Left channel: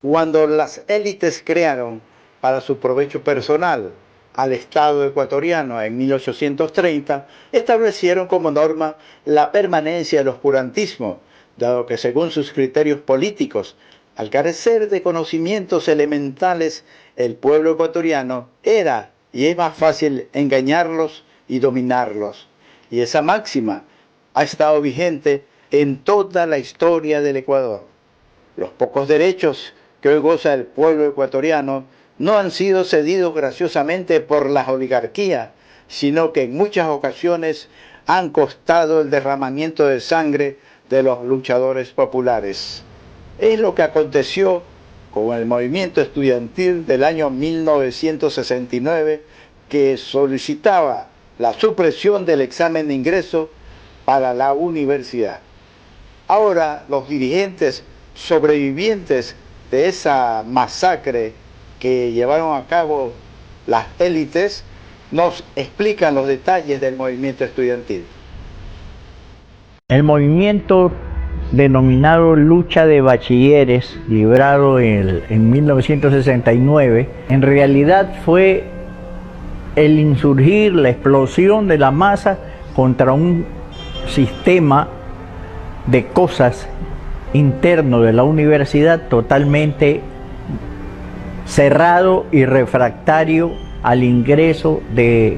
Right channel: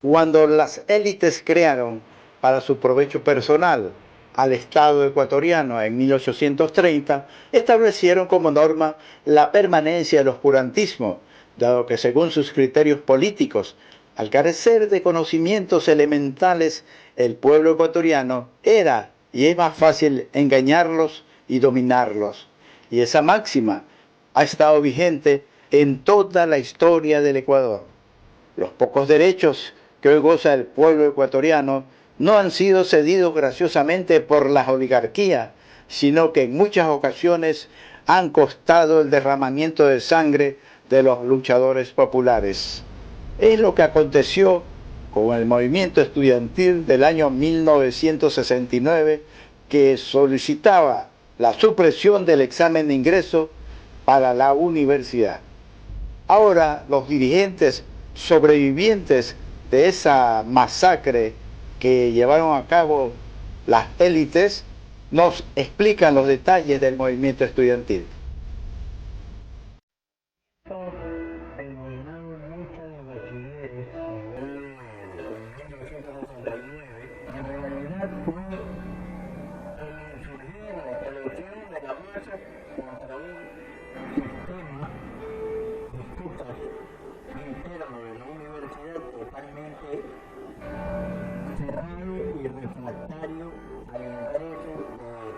Cuando las élites crearon para su provecho personal al Estado ecuatoriano en 1830, establecieron como norma la permanencia del oscurantismo, dado que según sus criterios políticos, al carecer de conocimientos elementales, el pueblo ecuatoriano era y es más fácil engañarlos y dominarlos. Y esa máxima ha estado vigente en toda la historia del Ecuador. Los pocos derechos que hoy goza el pueblo ecuatoriano no han sido cedidos graciosamente por la oligarquía, sino que en muchas ocasiones han costado el derramamiento de sangre de los luchadores populares. Es lo que aconteció con el movimiento estudiantil del año 1969, que solicitaba la supresión del examen de ingreso para la universidad. Ahora los dirigentes sobrevivientes de esa masacre que llevaron a cabo las élites nos explican los detalles del movimiento estudiantil. El movimiento denominado Lucha de Bachilleres, librado en 1969, en realidad fue el insurgir, la explosión de la masa contra un sistema de cosas interno de la universidad totalmente cerrado y refractario al ingreso de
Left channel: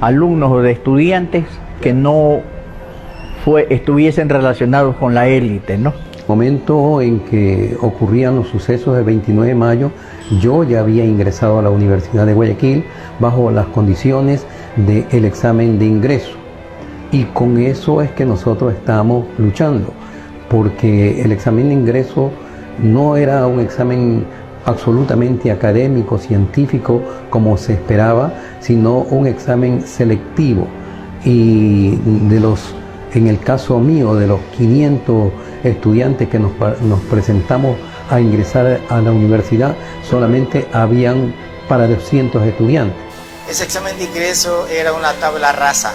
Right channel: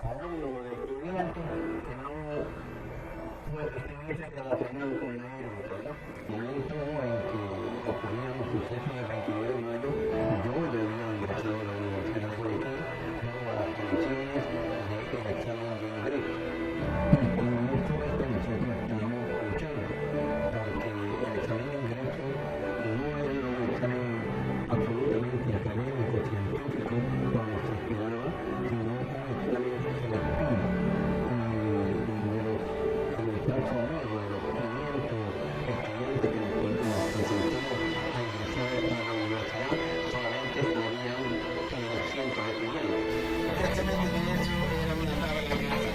alumnos o de estudiantes que no estuviesen relacionados con la élite, ¿no? Momento en que ocurrían los sucesos del 29 de mayo, yo ya había ingresado a la Universidad de Guayaquil bajo las condiciones del examen de ingreso. Y con eso es que nosotros estamos luchando, porque el examen de ingreso no era un examen absolutamente académico, científico, como se esperaba, sino un examen selectivo. Y en el caso mío, de los 500 estudiantes que nos presentamos a ingresar a la universidad, solamente habían para 200 estudiantes. Ese examen de ingreso era una tabla rasa.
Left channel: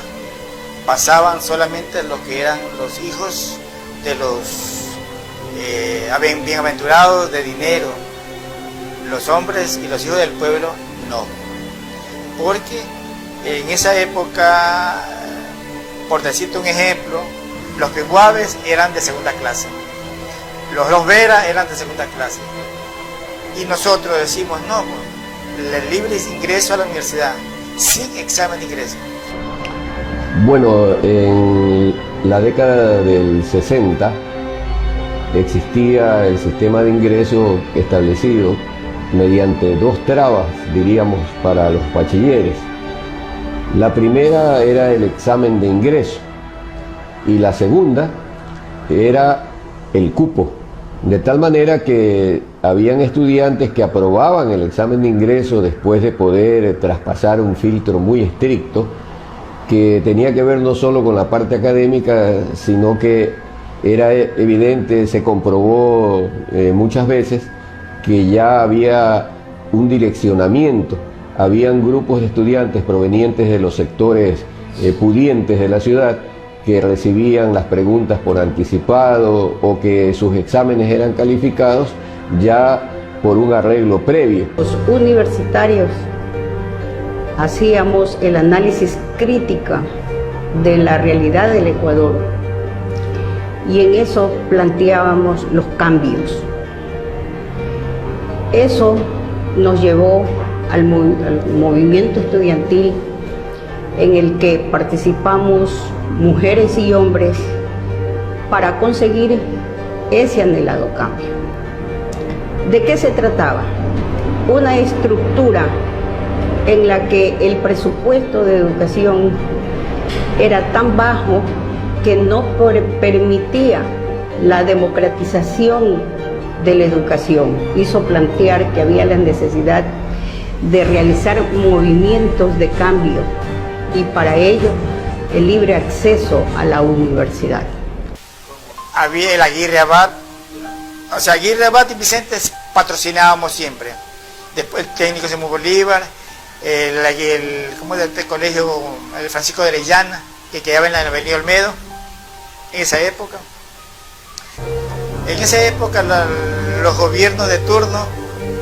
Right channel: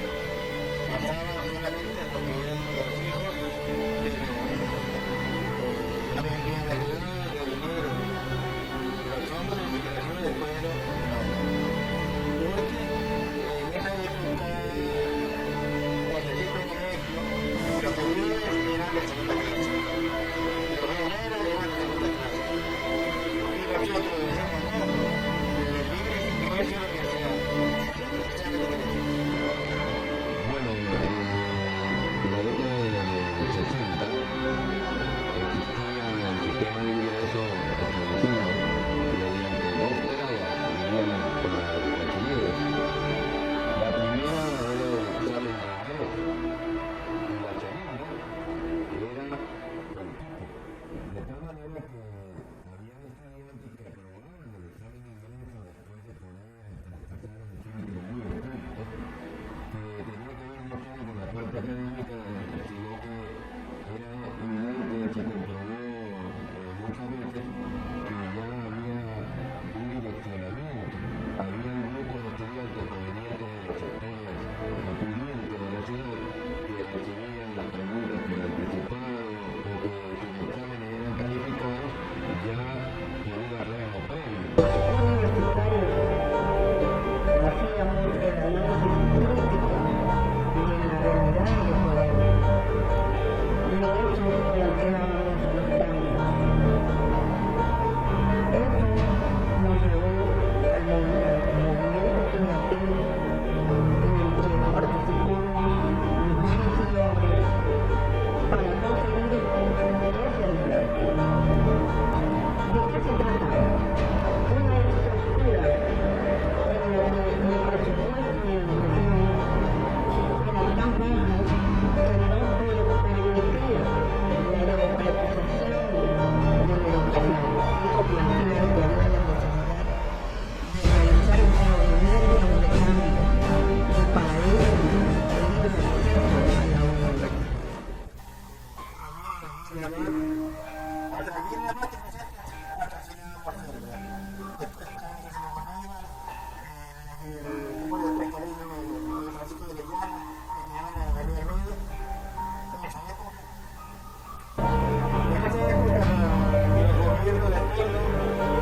Pasaban solamente los que eran los hijos de los bienaventurados de dinero. Los hombres y los hijos del pueblo no. Porque en esa época, por decirte un ejemplo, los peguaves eran de segunda clase, los Vera eran de segunda clase. Y nosotros decimos, no, el libre ingreso a la universidad, sin examen de ingreso. Bueno, en la década del 60 existía el sistema de ingreso establecido mediante dos trabas, diríamos, para los bachilleres. La primera era el examen de ingreso y la segunda era el cupo, de tal manera que habían estudiantes que aprobaban el examen de ingreso después de poder traspasar un filtro muy estricto que tenía que ver no solo con la parte académica, sino que era evidente, se comprobó muchas veces que ya había un direccionamiento. Habían grupos de estudiantes provenientes de los sectores pudientes de la ciudad que recibían las preguntas por anticipado o que sus exámenes eran calificados ya por un arreglo previo. Los universitarios hacíamos el análisis crítico de la realidad del Ecuador y en eso planteábamos los cambios. Eso nos llevó al movimiento estudiantil en el que participamos mujeres y hombres para conseguir ese anhelado cambio. ¿De qué se trataba? Una estructura en la que el presupuesto de educación era tan bajo que no permitía la democratización de la educación. Hizo plantear que había la necesidad de realizar movimientos de cambio y para ello el libre acceso a la universidad. Había el Aguirre Abad, Aguirre Abad y Vicente patrocinábamos siempre. Después el técnico Simón Bolívar, el colegio el Francisco de Orellana, que quedaba en la avenida Olmedo, en esa época. En esa época los gobiernos de turno,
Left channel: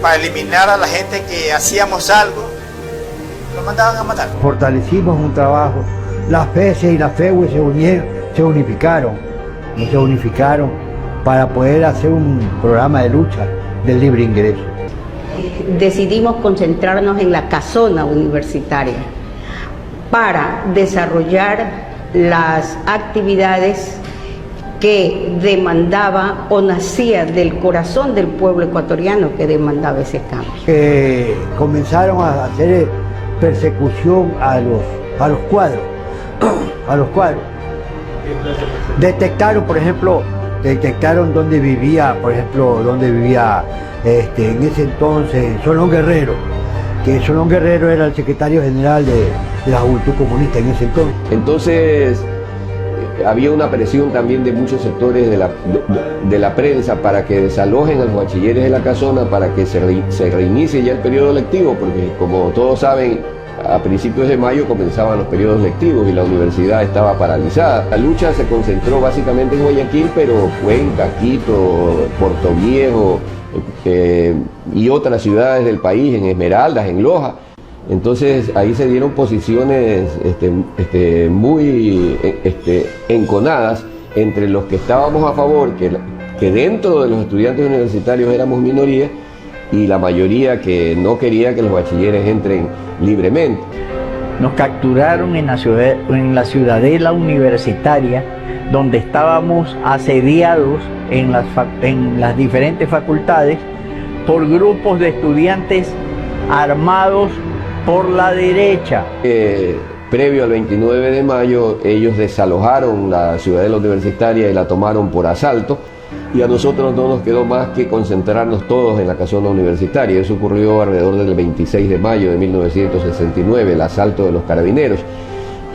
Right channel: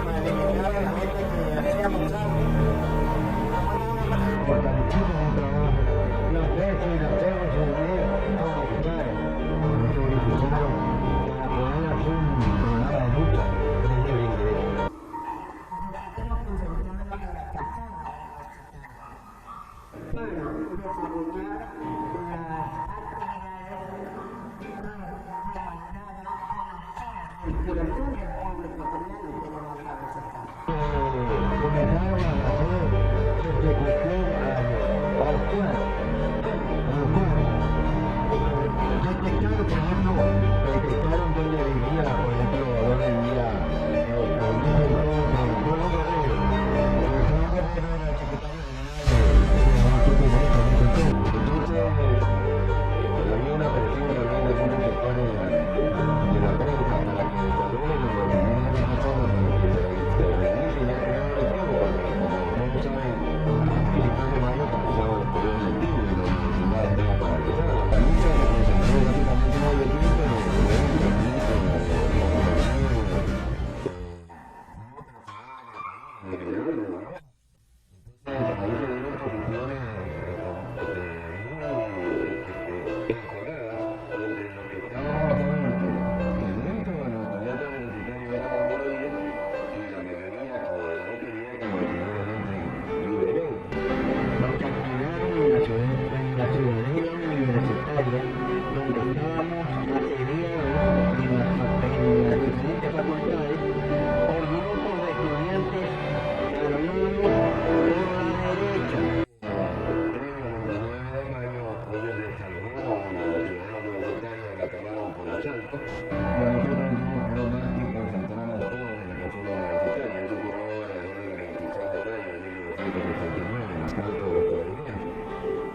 para eliminar a la gente que hacíamos algo, lo mandaban a matar. Fortalecimos un trabajo, las FESE y las FEUE se unificaron para poder hacer un programa de lucha del libre ingreso. Decidimos concentrarnos en la casona universitaria para desarrollar las actividades que demandaba o nacía del corazón del pueblo ecuatoriano que demandaba ese cambio. Comenzaron a hacer persecución a los cuadros, Detectaron, por ejemplo, dónde vivía, en ese entonces Solón Guerrero, que Solón Guerrero era el secretario general de la Juventud Comunista en ese entonces. Entonces había una presión también de muchos sectores de la prensa para que desalojen a los bachilleres de la casona, para que se reinicie ya el periodo lectivo, porque como todos saben, a principios de mayo comenzaban los periodos lectivos y la universidad estaba paralizada. La lucha se concentró básicamente en Guayaquil, pero Cuenca, Quito, Portoviejo y otras ciudades del país, en Esmeraldas, en Loja. Entonces ahí se dieron posiciones muy enconadas entre los que estábamos a favor, que dentro de los estudiantes universitarios éramos minoría, y la mayoría que no quería que los bachilleres entren libremente. Nos capturaron en la ciudadela universitaria, donde estábamos asediados en las diferentes facultades por grupos de estudiantes armados por la derecha. Previo al 29 de mayo, ellos desalojaron la ciudadela universitaria y la tomaron por asalto, y a nosotros no nos quedó más que concentrarnos todos en la casona universitaria. Eso ocurrió alrededor del 26 de mayo de 1969, el asalto de los carabineros.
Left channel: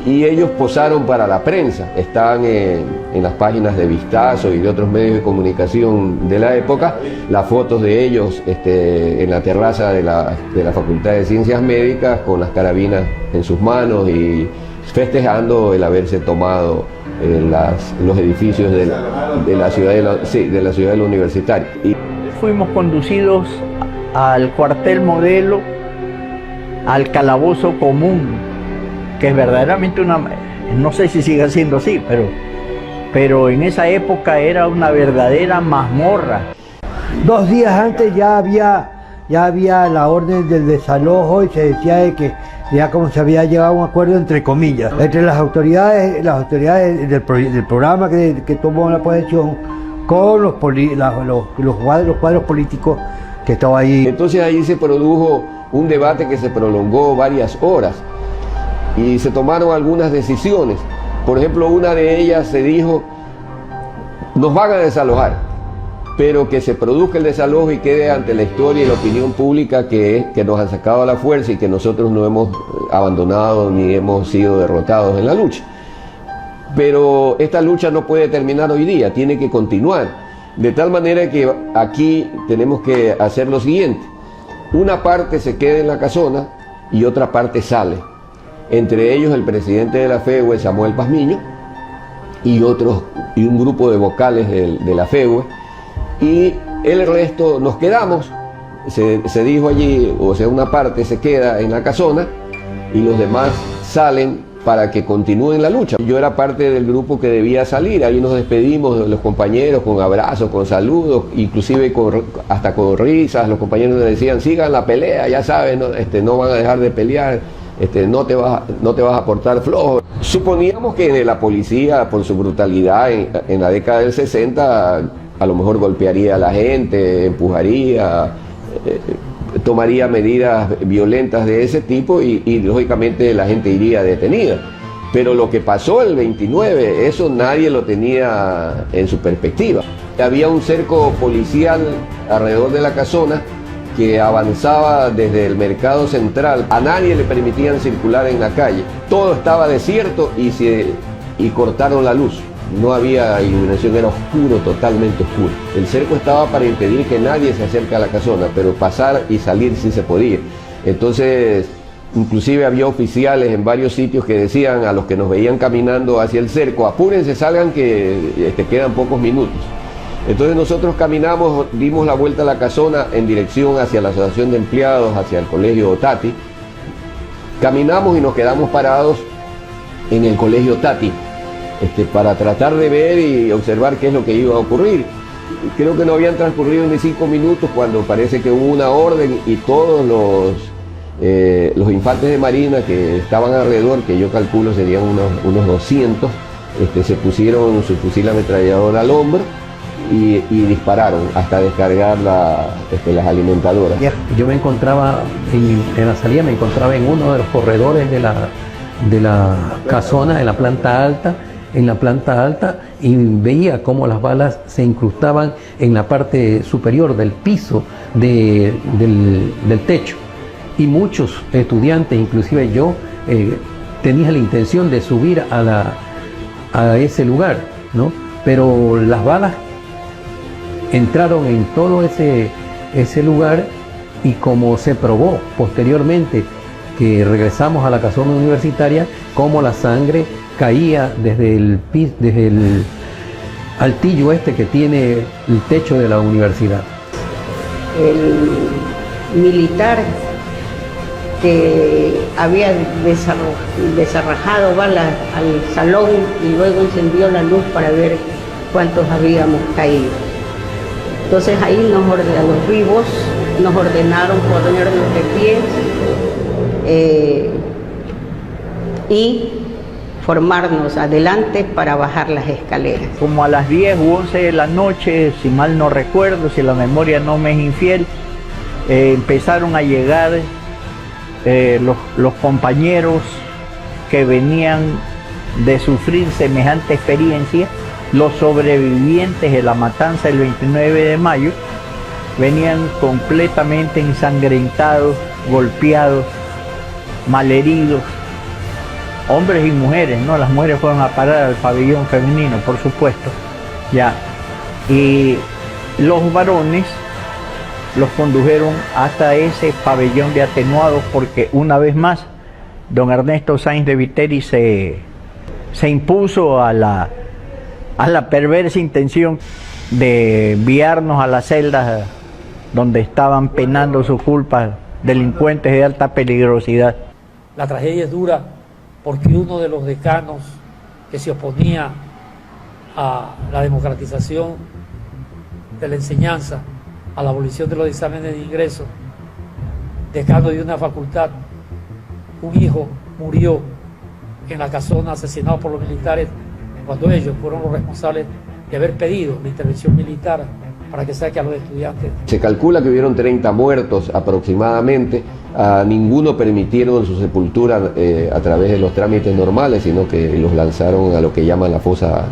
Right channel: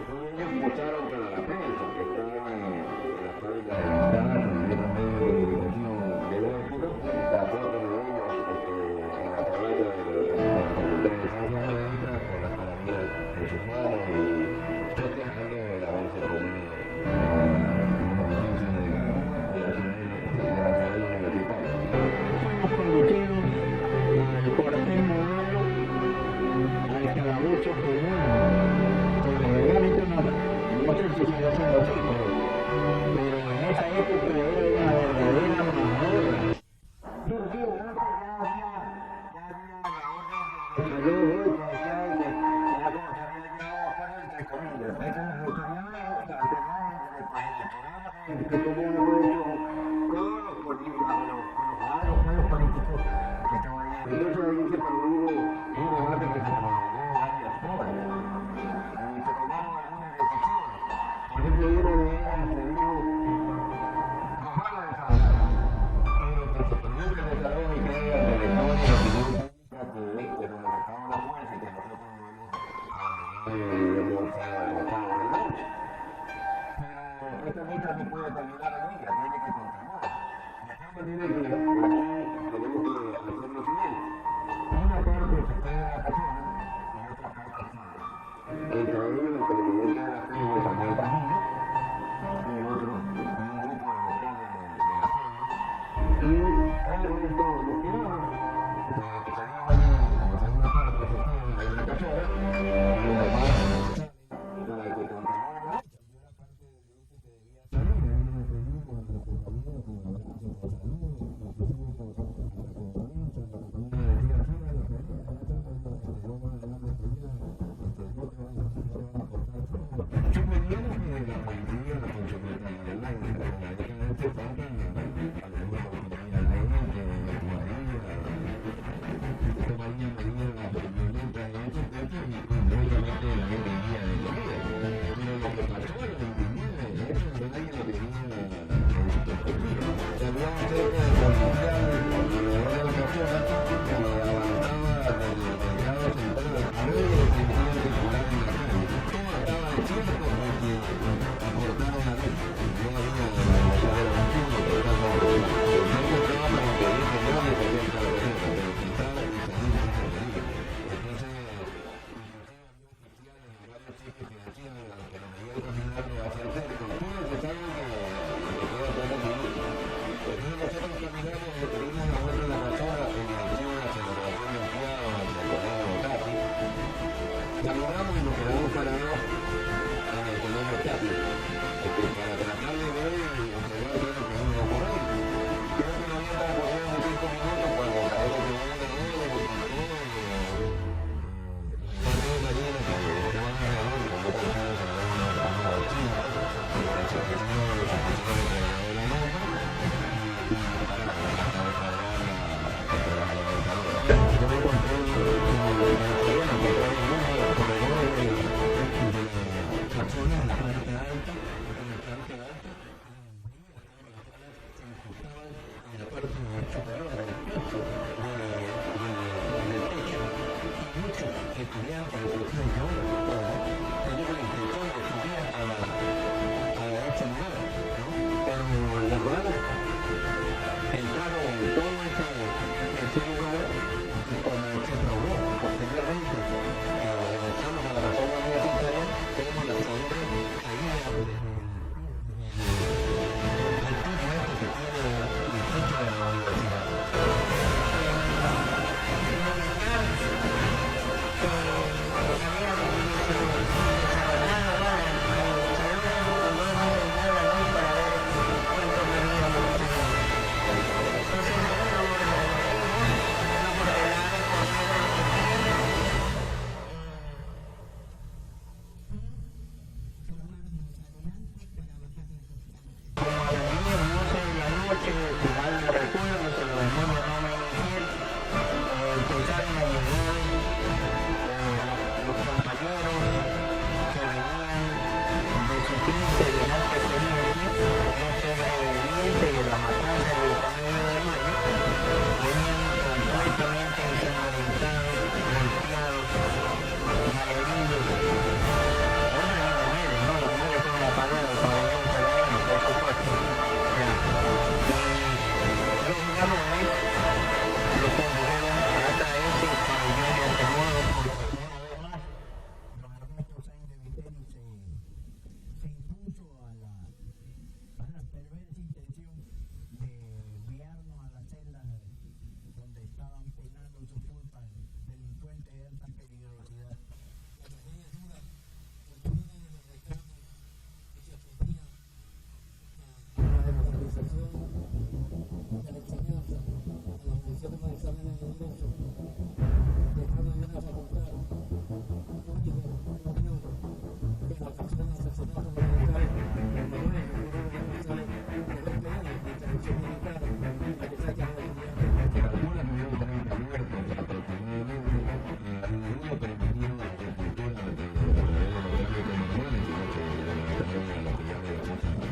Y ellos posaron para la prensa, están en las páginas de Vistazo y de otros medios de comunicación de la época, las fotos de ellos en la terraza de la Facultad de Ciencias Médicas con las carabinas en sus manos y festejando el haberse tomado los edificios de la ciudadela universitaria. Y fuimos conducidos al cuartel modelo, al calabozo común, que es verdaderamente no sé si sigue siendo así, pero en esa época era una verdadera mazmorra. 2 días antes ya había la orden del desalojo y se decía de que ya como se había llegado a un acuerdo entre comillas, entre las autoridades del programa que tomó la posesión con los cuadros políticos que estaban ahí. Entonces ahí se produjo un debate que se prolongó varias horas y se tomaron algunas decisiones. Por ejemplo, una de ellas se dijo: nos van a desalojar, pero que se produzca el desalojo y quede ante la historia y la opinión pública que nos han sacado a la fuerza y que nosotros no hemos abandonado ni hemos sido derrotados en la lucha. Pero esta lucha no puede terminar hoy día, tiene que continuar. De tal manera que aquí tenemos que hacer lo siguiente: una parte se queda en la casona y otra parte sale. Entre ellos el presidente de la FEUE, Samuel Pazmiño, y un grupo de vocales de la FEUE, y el resto nos quedamos. Se dijo allí, o sea, una parte se queda en la casona y los demás salen para que continúen la lucha. Yo era parte del grupo que debía salir, ahí nos despedimos de los compañeros con abrazos, con saludos, inclusive hasta con risas. Los compañeros nos decían: sigan la pelea, ya saben, no van a dejar de pelear, no te vas a portar flojo. Suponíamos que la policía, por su brutalidad en la década del 60, a lo mejor golpearía a la gente, empujaría, tomaría medidas violentas de ese tipo y lógicamente la gente iría detenida. Pero lo que pasó el 29, eso nadie lo tenía en su perspectiva. Había un cerco policial alrededor de la casona que avanzaba desde el mercado central. A nadie le permitían circular en la calle. Todo estaba desierto y cortaron la luz. No había iluminación, era oscuro, totalmente oscuro. El cerco estaba para impedir que nadie se acerque a la casona, pero pasar y salir sí se podía. Entonces, inclusive había oficiales en varios sitios que decían a los que nos veían caminando hacia el cerco: apúrense, salgan que quedan pocos minutos. Entonces nosotros caminamos, dimos la vuelta a la casona en dirección hacia la Asociación de Empleados, hacia el Colegio Tati. Caminamos y nos quedamos parados en el Colegio Tati para tratar de ver y observar qué es lo que iba a ocurrir. Creo que no habían transcurrido ni 5 minutos cuando parece que hubo una orden y todos los infantes de marina que estaban alrededor, que yo calculo serían unos 200, se pusieron su fusil ametrallador al hombro y dispararon hasta descargar las alimentadoras. Yo me encontraba en la salida, me encontraba en uno de los corredores de la casona, en la planta alta, y veía cómo las balas se incrustaban en la parte superior del piso del techo. Y muchos estudiantes, inclusive yo, tenía la intención de subir a ese lugar, ¿no? Pero las balas entraron en todo ese lugar, y como se probó posteriormente que regresamos a la casona universitaria, como la sangre caía desde el altillo que tiene el techo de la universidad. El militar que había desarrajado balas al salón y luego encendió la luz para ver cuántos habíamos caído. Entonces ahí a los vivos nos ordenaron ponernos de pie y formarnos adelante para bajar las escaleras. Como a las 10 u 11 de la noche, si mal no recuerdo, si la memoria no me es infiel, empezaron a llegar los compañeros que venían de sufrir semejante experiencia, los sobrevivientes de la matanza del 29 de mayo, venían completamente ensangrentados, golpeados, malheridos, hombres y mujeres, ¿no? Las mujeres fueron a parar al pabellón femenino, por supuesto, ya. Y los varones los condujeron hasta ese pabellón de atenuados, porque una vez más don Ernesto Sáenz de Viteri se impuso a la perversa intención de enviarnos a las celdas donde estaban penando sus culpas delincuentes de alta peligrosidad. La tragedia es dura porque uno de los decanos que se oponía a la democratización de la enseñanza, a la abolición de los exámenes de ingreso, decano de una facultad, un hijo murió en la casona asesinado por los militares cuando ellos fueron los responsables de haber pedido la intervención militar para que saque a los estudiantes. Se calcula que hubieron 30 muertos aproximadamente. A ninguno permitieron su sepultura a través de los trámites normales, sino que los lanzaron a lo que llaman la fosa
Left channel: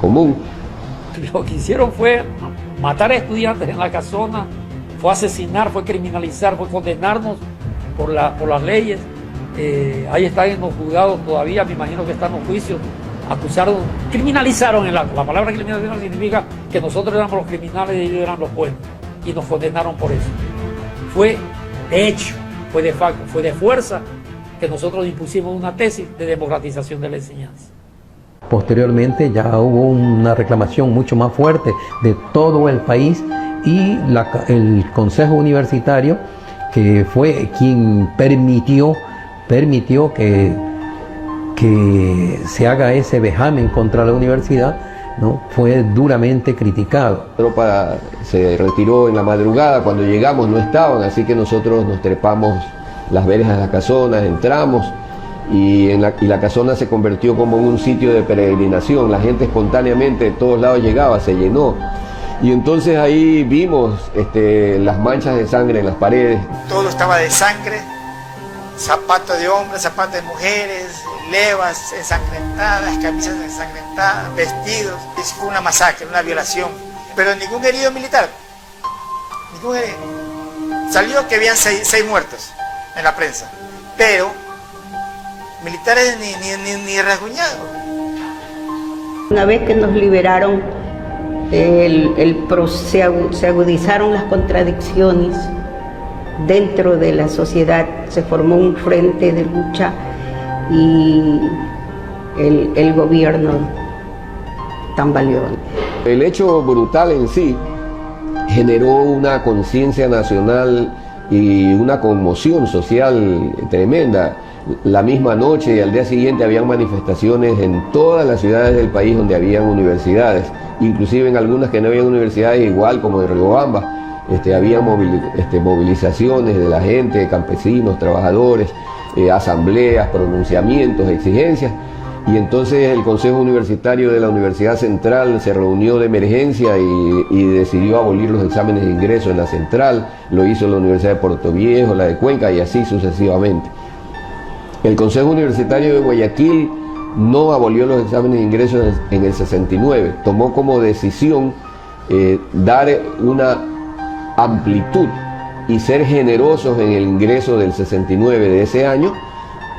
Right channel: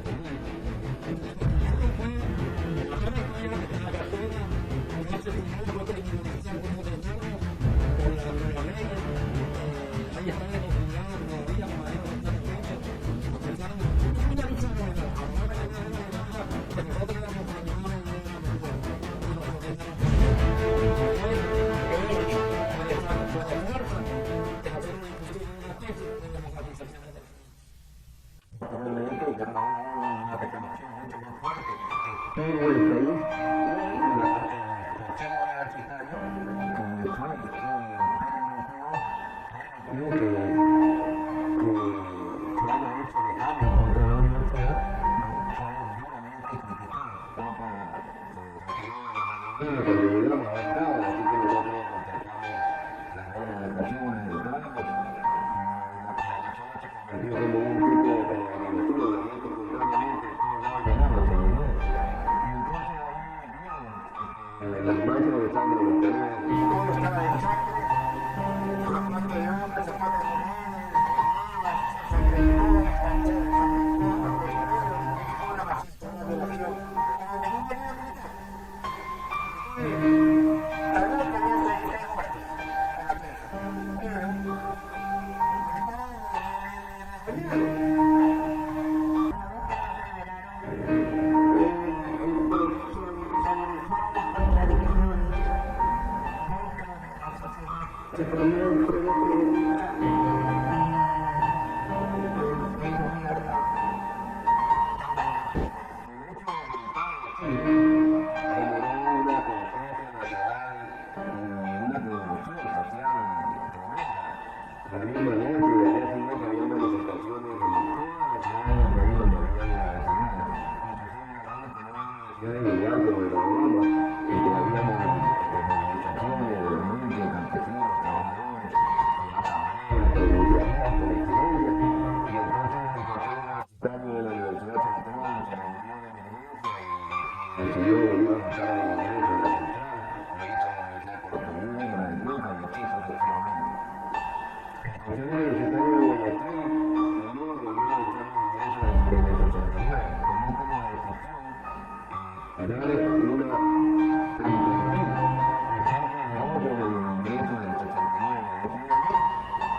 común. Lo que hicieron fue matar a estudiantes en la casona, fue asesinar, fue criminalizar, fue condenarnos por las leyes. Ahí están en los juzgados todavía, me imagino que están los juicios. Acusaron, criminalizaron el acto. La palabra criminalización significa que nosotros éramos los criminales y ellos eran los buenos, y nos condenaron por eso. Fue de hecho, fue de facto, fue de fuerza que nosotros impusimos una tesis de democratización de la enseñanza. Posteriormente ya hubo una reclamación mucho más fuerte de todo el país, y el Consejo Universitario, que fue quien permitió que se haga ese vejamen contra la universidad, ¿no? Fue duramente criticado. La tropa se retiró en la madrugada, cuando llegamos no estaban, así que nosotros nos trepamos las verjas de las casonas, entramos, y la casona se convirtió como en un sitio de peregrinación. La gente espontáneamente de todos lados llegaba, se llenó. Y entonces ahí vimos las manchas de sangre en las paredes. Todo estaba de sangre, zapatos de hombres, zapatos de mujeres, levas ensangrentadas, camisas ensangrentadas, vestidos. Fue una masacre, una violación. Pero ningún herido militar. Ningún herido. Salió que habían seis muertos en la prensa. Pero militares ni rasguñados. Una vez que nos liberaron, se agudizaron las contradicciones dentro de la sociedad, se formó un frente de lucha y el gobierno tambaleó. El hecho brutal en sí generó una conciencia nacional y una conmoción social tremenda. La misma noche y al día siguiente habían manifestaciones en todas las ciudades del país donde habían universidades, inclusive en algunas que no habían universidades, igual como en Riobamba. Había movilizaciones de la gente, campesinos, trabajadores, asambleas, pronunciamientos, exigencias. Y entonces el Consejo Universitario de la Universidad Central se reunió de emergencia y decidió abolir los exámenes de ingreso en la Central. Lo hizo la Universidad de Puerto Viejo, la de Cuenca y así sucesivamente. El Consejo Universitario de Guayaquil no abolió los exámenes de ingreso en el 69. Tomó como decisión dar una amplitud y ser generosos en el ingreso del 69 de ese año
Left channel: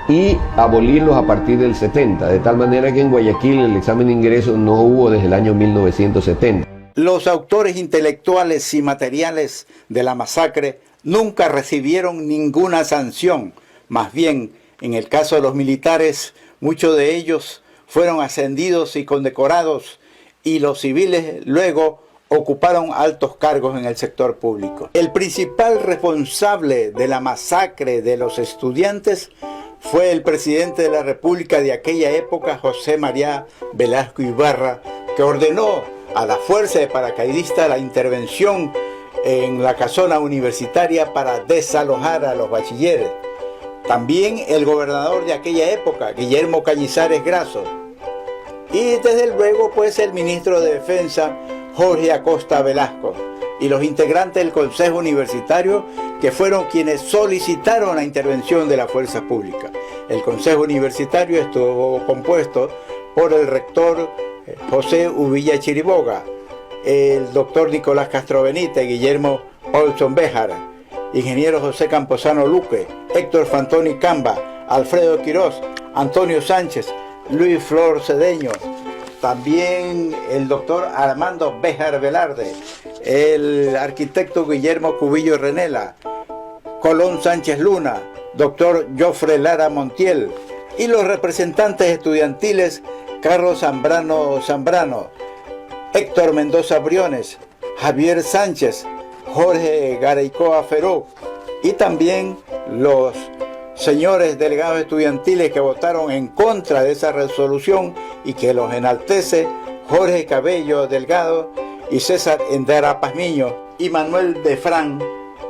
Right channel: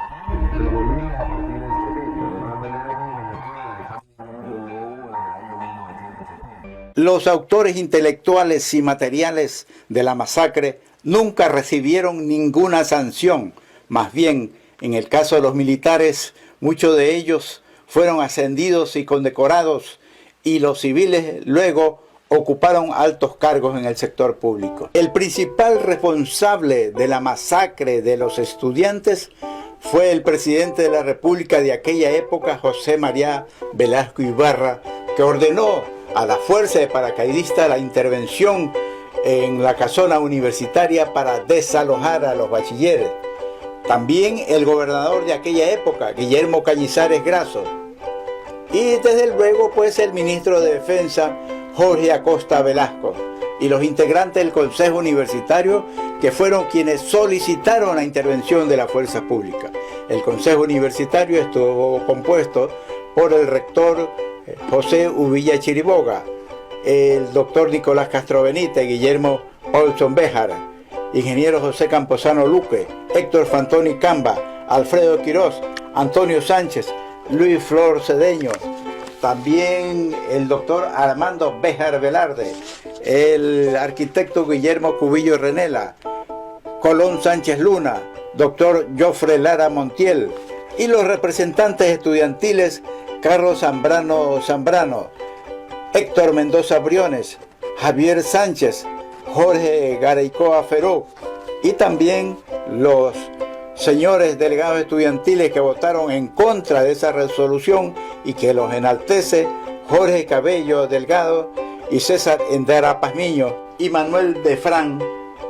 y abolirlos a partir del 70, de tal manera que en Guayaquil el examen de ingreso no hubo desde el año 1970. Los autores intelectuales y materiales de la masacre nunca recibieron ninguna sanción. Más bien, en el caso de los militares, muchos de ellos fueron ascendidos y condecorados, y los civiles luego ocuparon altos cargos en el sector público. El principal responsable de la masacre de los estudiantes fue el presidente de la República de aquella época, José María Velasco Ibarra, que ordenó a la fuerza de paracaidistas la intervención en la casona universitaria para desalojar a los bachilleres. También el gobernador de aquella época, Guillermo Cañizares Grasso, y desde luego pues el ministro de Defensa, Jorge Acosta Velasco, y los integrantes del Consejo Universitario, que fueron quienes solicitaron la intervención de la fuerza pública. El Consejo Universitario estuvo compuesto por el rector José Uvilla Chiriboga, el doctor Nicolás Castro Benítez, Guillermo Paulson Béjar, ingeniero José Camposano Luque, Héctor Fantoni Camba, Alfredo Quirós, Antonio Sánchez, Luis Flor Cedeño, también el doctor Armando Béjar Velarde, el arquitecto Guillermo Cubillo Renela, Colón Sánchez Luna, doctor Jofre Lara Montiel, y los representantes estudiantiles Carlos Zambrano, Héctor Mendoza Briones, Javier Sánchez, Jorge Garaycoa Feró, y también los señores delegados estudiantiles que votaron en contra de esa resolución y que los enaltece, Jorge Cabello Delgado y César Endara Pazmiño, y Manuel Defrán,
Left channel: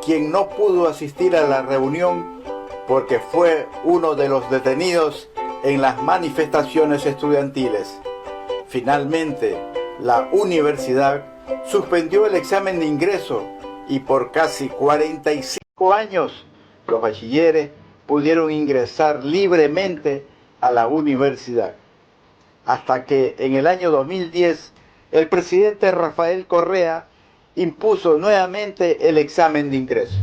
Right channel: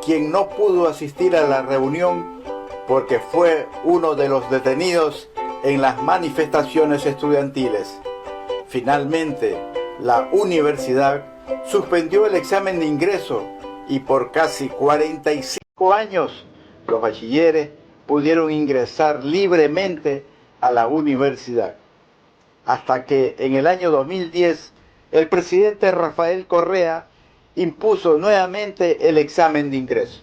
quien no pudo asistir a la reunión porque fue uno de los detenidos en las manifestaciones estudiantiles. Finalmente, la universidad suspendió el examen de ingreso y por casi 45 años los bachilleres pudieron ingresar libremente a la universidad. Hasta que en el año 2010 el presidente Rafael Correa impuso nuevamente el examen de ingreso.